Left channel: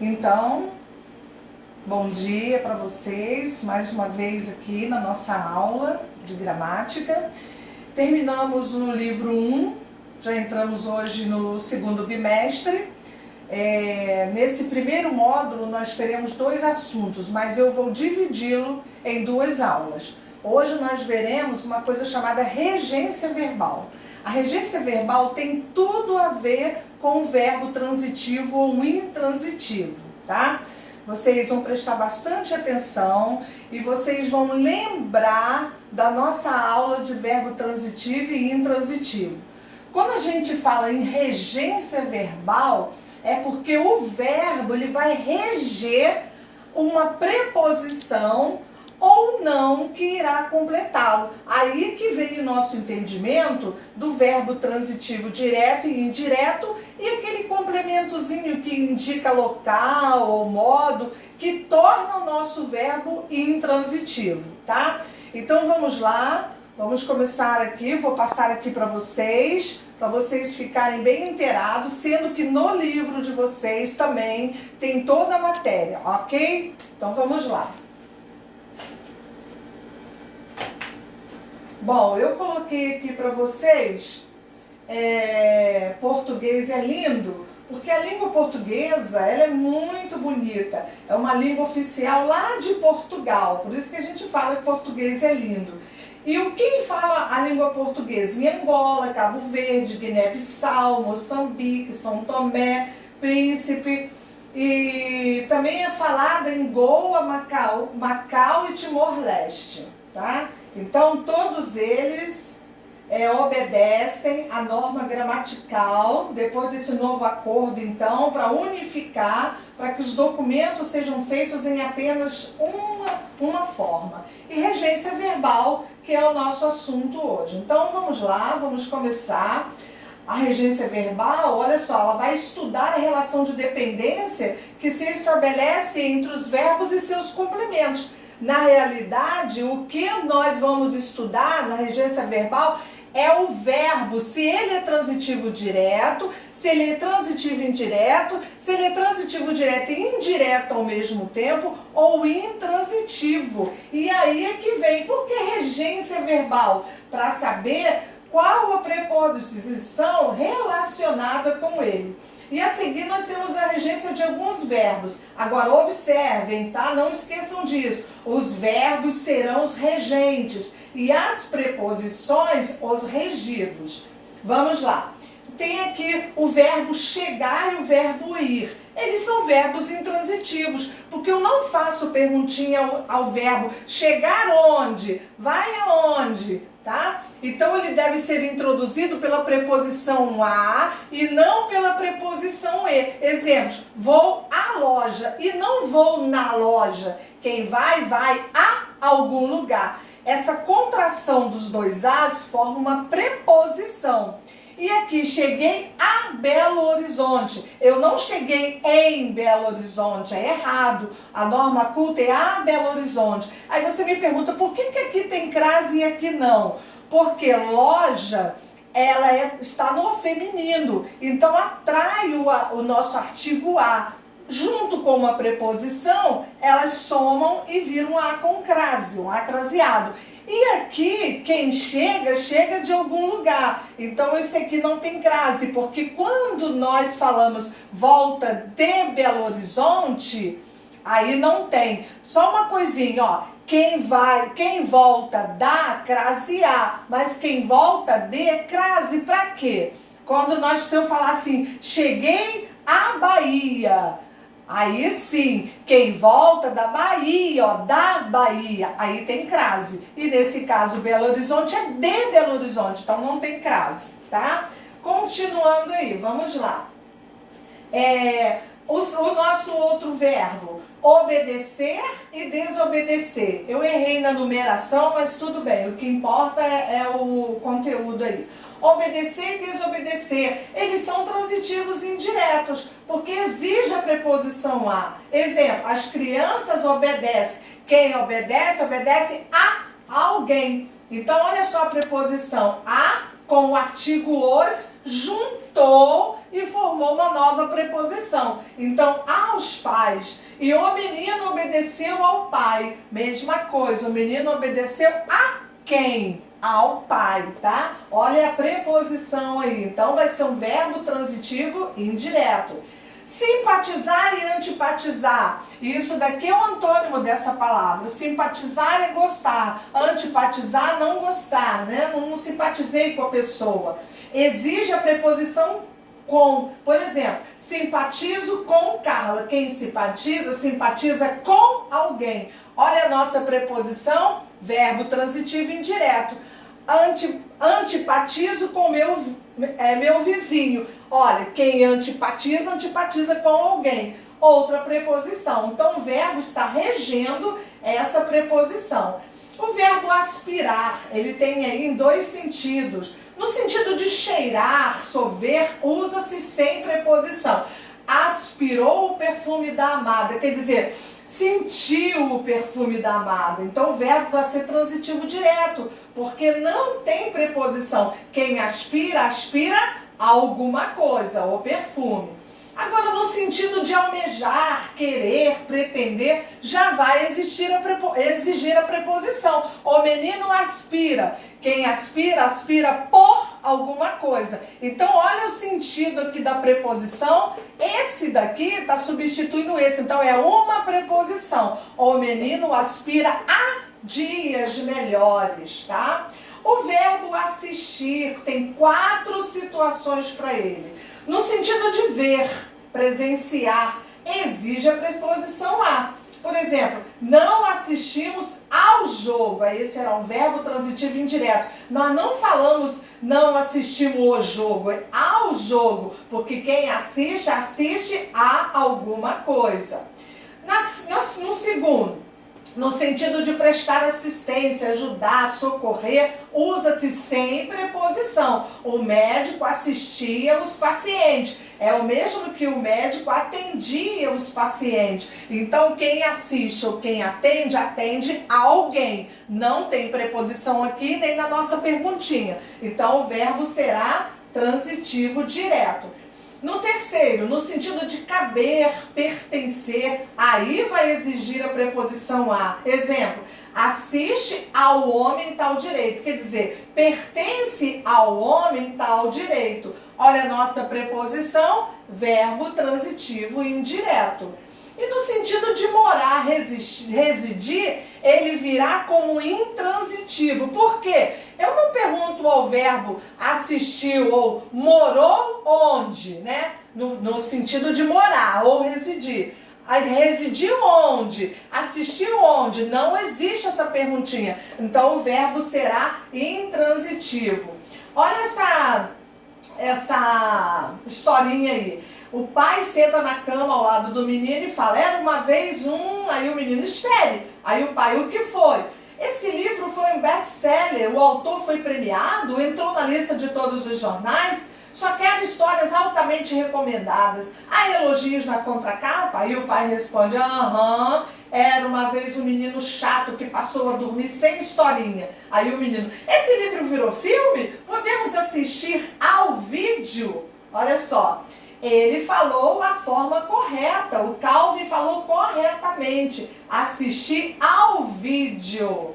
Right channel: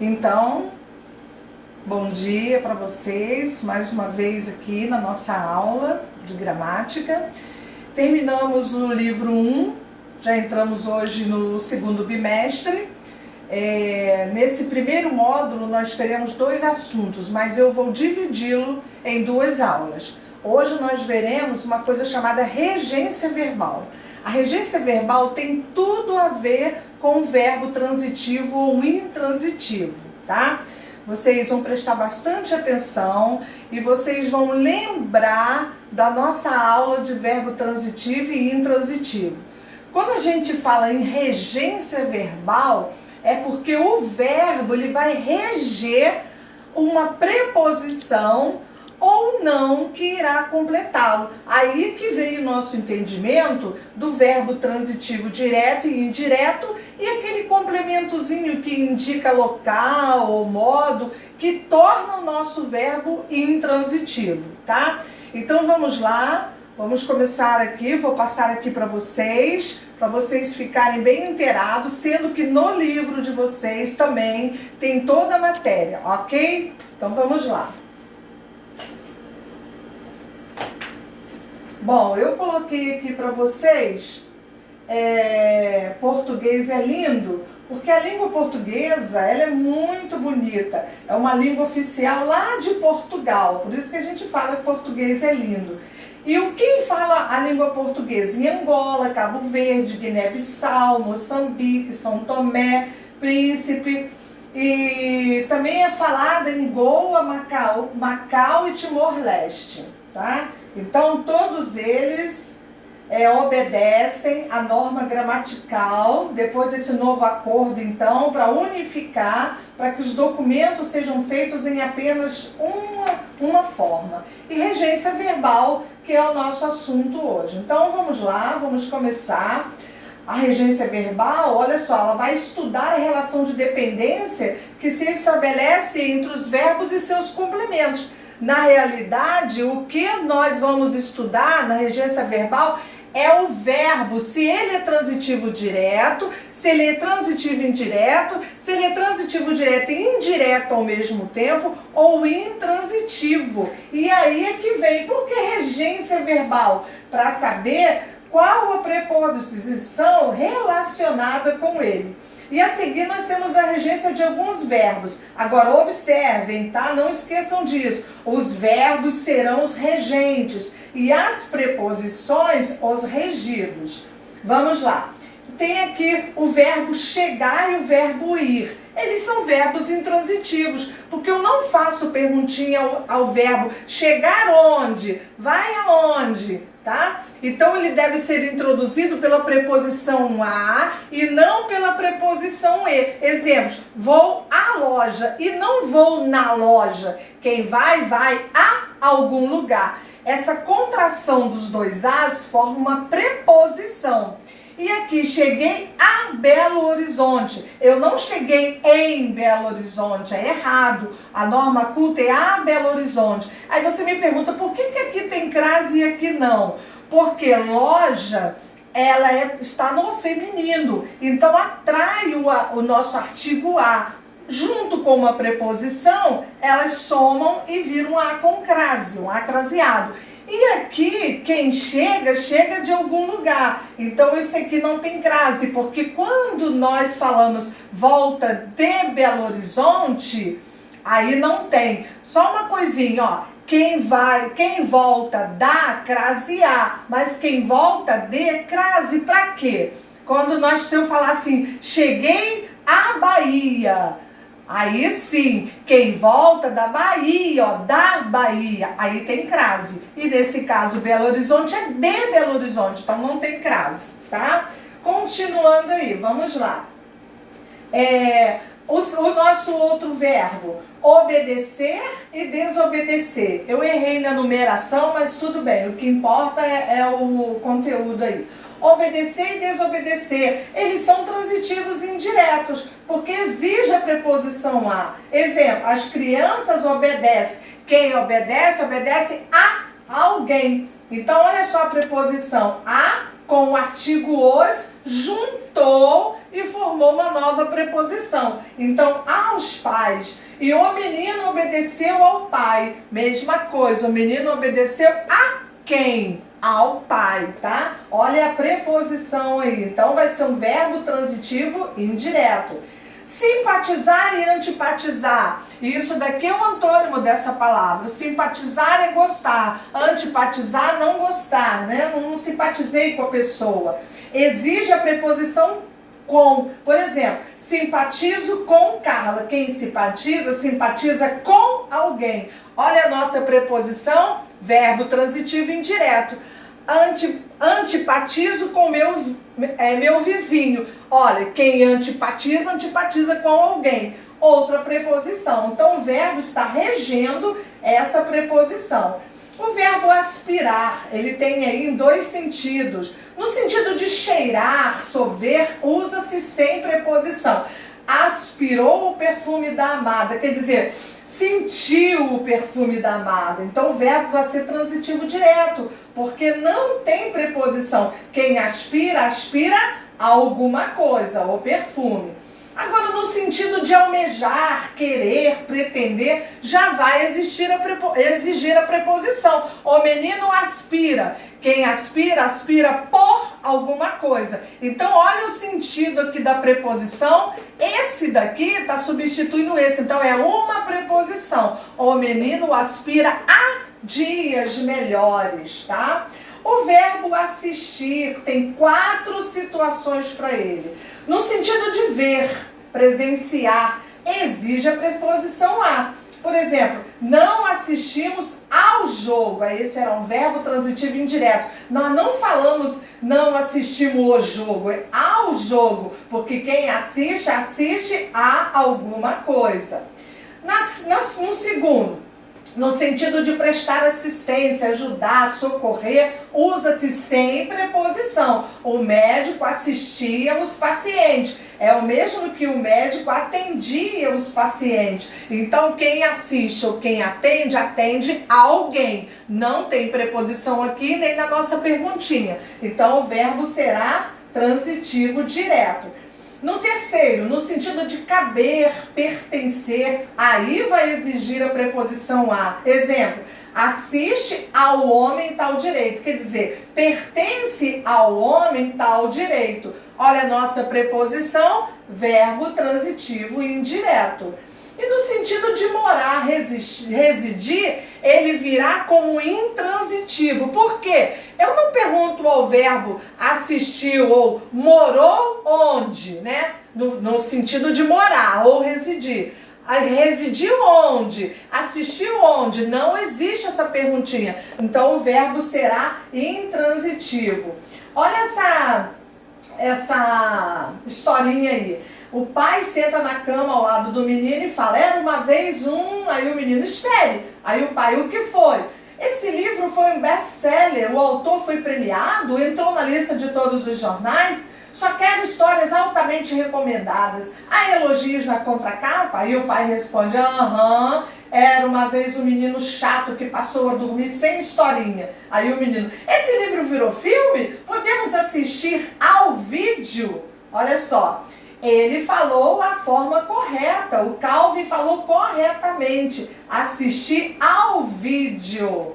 Então, bom dia para vocês, mais uma vez aqui na nossa aula de gramática. Terminamos no livro 1, já entramos hoje no segundo bimestre. Nesse primeiro módulo nós teremos 2 assuntos, mas eu vou dividi-lo em 2 aulas. Hoje nós veremos uma coisa chamada regência verbal. A regência verbal tem tudo a ver com o verbo transitivo ou intransitivo, tá? Vocês vão prestar bastante atenção e vocês vão lembrar da nossa aula de verbo transitivo e intransitivo. Quando a gente fala em regência verbal, é porque o verbo ele vai reger uma preposição ou não que irá completá-lo. Aí que vem o nosso entendimento do verbo transitivo direto e indireto e aquele complementozinho que indica local ou modo que torna o nosso verbo intransitivo, tá? Então vamos lá, vamos começar aqui, vou passar aqui para vocês ficarem bem inteirados, sendo que no livro de vocês também tem toda a matéria, ok? Então vamos lá. Bom, eu coloquei aqui para vocês, português é lindo, porque a língua portuguesa, ela é muito bonita, é uma língua oficial lá de Portugal, por isso que a gente fala que português é lindo. E quem fala a língua portuguesa? Em Angola, Cabo Verde, Guiné-Bissau, Moçambique, São Tomé, Príncipe, e também é falada em Goa, Macau e Timor-Leste, tá? Então, todos eles obedecem a norma gramatical, depois desse novo acordo, então, para unificar, para que os documentos sejam feitos em apenas uma forma. E regência verbal, que é o nosso assunto hoje. Então, vamos lá, vamos começar. A regência verbal, olha só, ela vai estudar a relação de dependência que se estabelece entre os verbos e seus complementos. Na realidade, o que nós vamos estudar na regência verbal é o verbo, se ele é transitivo direto, se ele é transitivo indireto, se ele é transitivo direto e indireto ao mesmo tempo, ou intransitivo. E aí é que vem, por que regência verbal? Para saber qual a preposição relacionada com ele. E a seguir nós temos a regência de alguns verbos. Agora observem, tá? Não esqueçam disso. Os verbos serão os regentes e as preposições os regidos. Vamos lá. Tem aqui o verbo chegar e o verbo ir. Eles são verbos intransitivos, porque eu não faço perguntinha ao verbo chegar onde, vai aonde, tá? Então ele deve ser introduzido pela preposição a e não pela preposição e. Exemplos, vou à loja e não vou na loja. Quem vai, vai a algum lugar. Essa contração dos 2 as forma uma preposição. E aqui, cheguei a Belo Horizonte. Eu não cheguei em Belo Horizonte, é errado. A norma culta é a Belo Horizonte. Aí você me pergunta, por que aqui tem crase e aqui não? Porque loja, ela está no feminino. Então, atrai o nosso artigo a. Junto com uma preposição, elas somam e viram um a com crase, um a craseado. E aqui, quem chega, chega de algum lugar. Então, esse aqui não tem crase, porque quando nós falamos volta de Belo Horizonte, aí não tem. Só uma coisinha, ó. Quem volta da, crase a. Mas quem volta de, crase pra quê? Quando se eu falar assim, cheguei à Bahia. Aí sim, quem volta da Bahia, ó, da Bahia, aí tem crase. E nesse caso, Belo Horizonte é de Belo Horizonte, então não tem crase, tá? Continuando aí, vamos lá. O nosso outro verbo, obedecer e desobedecer. Eu errei na numeração, mas tudo bem, o que importa é o conteúdo aí. Obedecer e desobedecer, eles são transitivos indiretos, porque exige a preposição a. Exemplo, as crianças obedecem. Quem obedece, obedece a alguém. Então, olha só a preposição a com o artigo os, juntou e formou uma nova preposição. Então, aos pais. E o menino obedeceu ao pai. Mesma coisa, o menino obedeceu a quem? Ao pai, tá? Olha a preposição aí. Então, vai ser um verbo transitivo indireto. Simpatizar e antipatizar. Isso daqui é o antônimo dessa palavra. Simpatizar é gostar. Antipatizar, não gostar, né? Não simpatizei com a pessoa. Exige a preposição com. Por exemplo, simpatizo com Carla. Quem simpatiza, simpatiza com alguém. Olha a nossa preposição, verbo transitivo indireto. Antipatizo com meu vizinho. Olha, quem antipatiza, antipatiza com alguém. Outra preposição. Então, o verbo está regendo essa preposição. O verbo aspirar, ele tem aí em dois sentidos. No sentido de cheirar, sorver, usa-se sem preposição. Aspirou o perfume da amada, quer dizer, sentiu o perfume da amada. Então o verbo vai ser transitivo direto, porque não tem preposição. Quem aspira, aspira a alguma coisa, o perfume. Agora, no sentido de almejar, querer, pretender, já vai exigir a preposição. O menino aspira. Quem aspira, aspira por alguma coisa. Então, olha o sentido aqui da preposição. Esse daqui está substituindo esse. Então, é uma preposição. O menino aspira a dias melhores, tá? O verbo assistir tem 4 situações para ele. No sentido de ver, presenciar, exige a preposição a. Por exemplo, não assistimos ao jogo. Esse é um verbo transitivo indireto. Nós não falamos não assistimos o jogo, é ao jogo. Porque quem assiste, assiste a alguma coisa. No segundo, no sentido de prestar assistência, ajudar, socorrer, usa-se sem preposição. O médico assistia os pacientes. É o mesmo que o médico atendia os pacientes. Então, quem assiste ou quem atende, atende a alguém. Não tem preposição aqui nem na nossa perguntinha. Então, o verbo será transitivo direto. No terceiro, no sentido de caber, pertencer, aí vai exigir a preposição a. Exemplo, assiste ao homem tal direito. Quer dizer, pertence ao homem tal direito. Olha a nossa preposição, verbo transitivo indireto. E no sentido de morar, residir, ele virá como intransitivo. Por quê? Eu não pergunto ao verbo assistiu ou morou onde, né? No sentido de morar ou residir. Residiu onde? Assistiu onde? Não existe essa perguntinha. Então o verbo será intransitivo. Olha essa historinha aí. O pai senta na cama ao lado do menino e fala, era uma vez aí o menino espere. Aí o pai, o que foi? Esse livro foi um best-seller, o autor foi premiado, entrou na lista de todos os jornais, só quero histórias altamente recomendadas. Há elogios na contracapa? Aí o pai responde, aham, era uma vez um menino chato que passou a dormir sem historinha. Aí o menino, esse livro virou filme? Podemos assistir ao vídeo? Olha só. Ele falou a forma correta, o Calvin falou corretamente, assistir ao vídeo.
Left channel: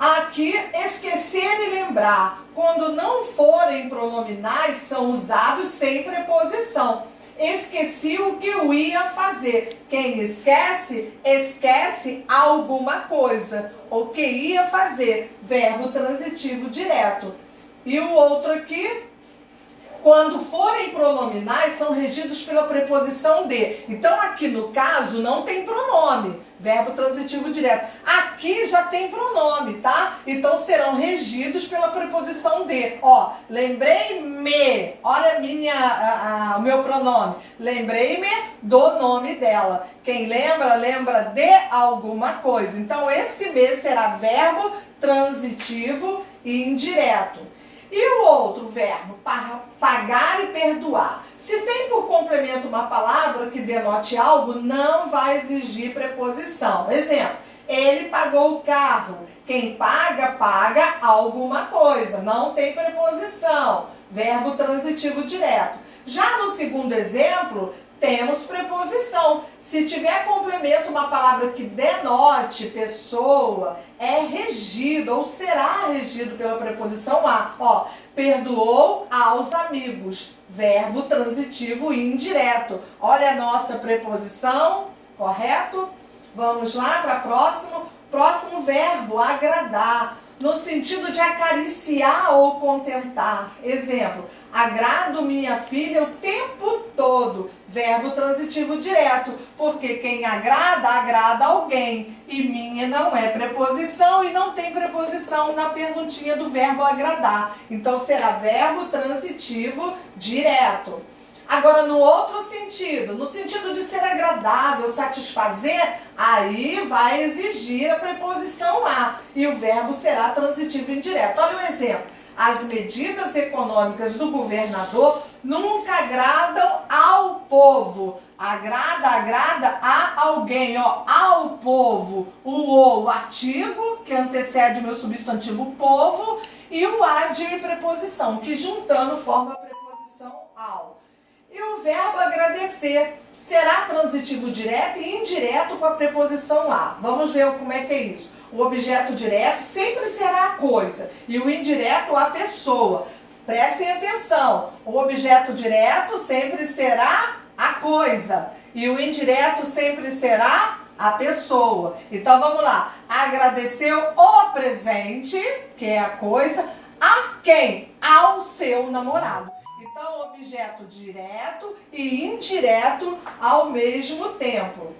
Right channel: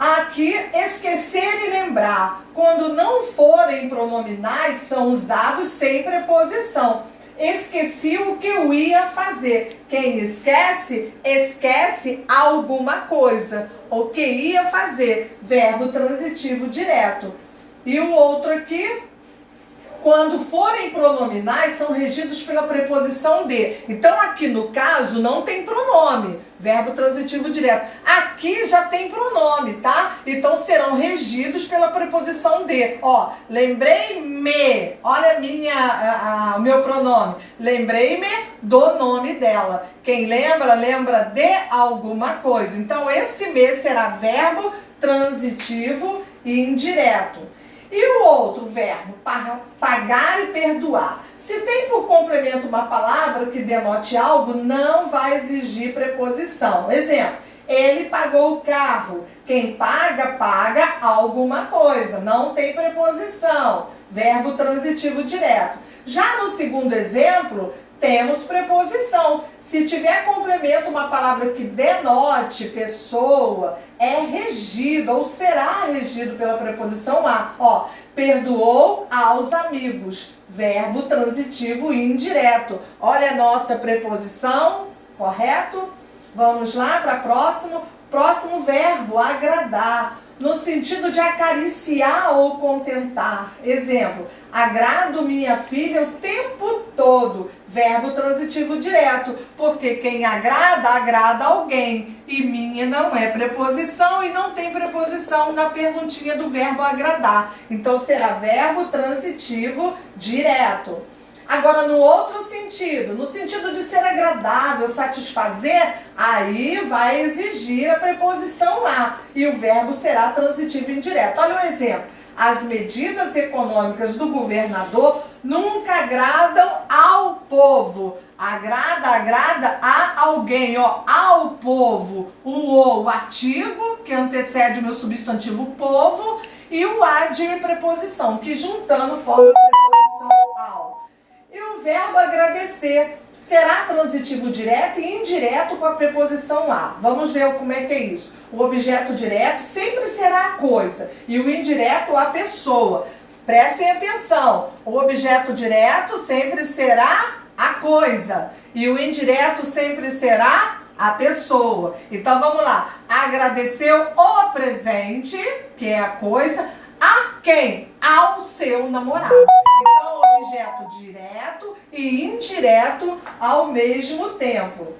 Aqui, esquecer e lembrar, quando não forem pronominais, são usados sem preposição. Esqueci o que eu ia fazer. Quem esquece, esquece alguma coisa. O que ia fazer, verbo transitivo direto. E o outro aqui, quando forem pronominais, são regidos pela preposição de. Então, aqui no caso, não tem pronome, verbo transitivo direto. Aqui já tem pronome, tá? Então, serão regidos pela preposição de. Ó, lembrei-me, olha o meu pronome. Lembrei-me do nome dela. Quem lembra, lembra de alguma coisa. Então, esse me será verbo transitivo e indireto. E o outro verbo, pagar e perdoar. Se tem por complemento uma palavra que denote algo, não vai exigir preposição. Exemplo, ele pagou o carro. Quem paga, paga alguma coisa. Não tem preposição. Verbo transitivo direto. Já no segundo exemplo, temos preposição. Se tiver complemento uma palavra que denote pessoa, é regido ou será regido pela preposição a. Ó, perdoou aos amigos. Verbo transitivo indireto. Olha a nossa preposição, correto? Vamos lá para próximo. Próximo verbo, agradar, no sentido de acariciar ou contentar. Exemplo, agrado minha filha o tempo todo. Verbo transitivo direto, porque quem agrada, agrada alguém. E minha não é preposição e não tem preposição na perguntinha do verbo agradar. Então será verbo transitivo direto. Agora, no outro sentido, no sentido de ser agradável, satisfazer, aí vai exigir a preposição a e o verbo será transitivo indireto. Olha o exemplo. As medidas econômicas do governador nunca agradam ao povo. Agrada a alguém, ó, ao povo. O artigo, que antecede o meu substantivo povo, e o a de preposição, que juntando forma a preposição ao. E o verbo agradecer será transitivo direto e indireto com a preposição a. Vamos ver como é que é isso. O objeto direto sempre será a coisa e o indireto a pessoa. Prestem atenção. O objeto direto sempre será a coisa e o indireto sempre será a pessoa. Então vamos lá. Agradeceu o presente, que é a coisa, a quem? Ao seu namorado. Então, objeto direto e indireto ao mesmo tempo.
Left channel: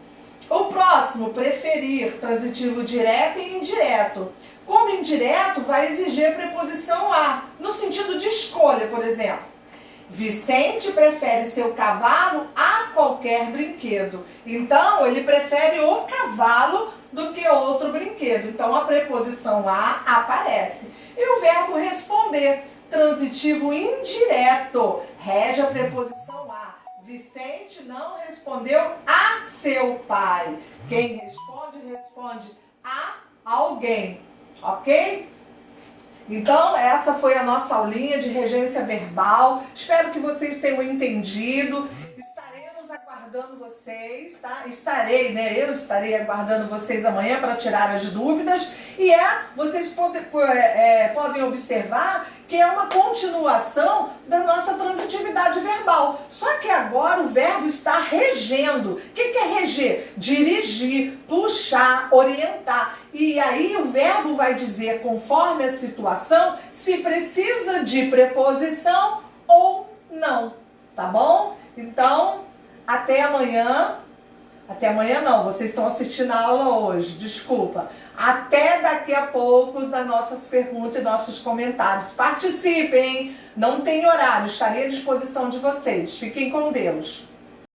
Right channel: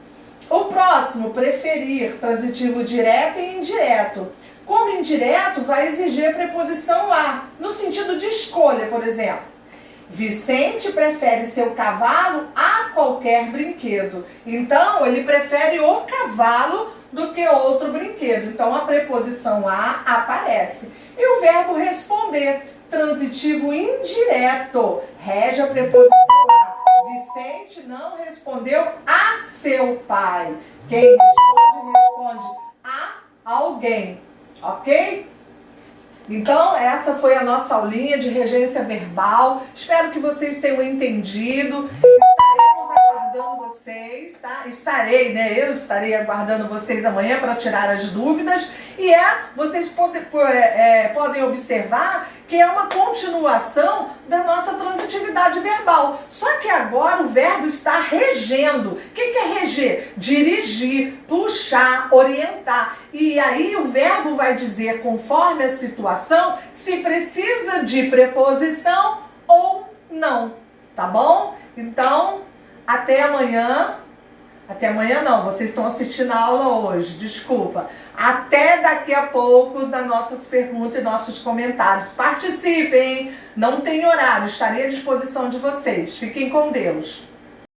O próximo, preferir, transitivo direto e indireto. Como indireto, vai exigir a preposição a, no sentido de escolha, por exemplo. Vicente prefere seu cavalo a qualquer brinquedo. Então, ele prefere o cavalo do que outro brinquedo. Então, a preposição a aparece. E o verbo responder, transitivo indireto, rege a preposição a. Vicente não respondeu a seu pai. Quem responde a alguém, ok? Então, essa foi a nossa aulinha de regência verbal. Espero que vocês tenham entendido. Estaremos aguardando vocês, tá? Eu estarei aguardando vocês amanhã para tirar as dúvidas. E vocês podem observar que é uma continuação da nossa transitividade verbal. Só que agora o verbo está regendo. O que é reger? Dirigir, puxar, orientar. E aí o verbo vai dizer, conforme a situação, se precisa de preposição ou não. Tá bom? Então, até amanhã. Até amanhã não, vocês estão assistindo a aula hoje, desculpa. Até daqui a pouco das nossas perguntas e nossos comentários. Participem, não tem horário, estarei à disposição de vocês. Fiquem com Deus.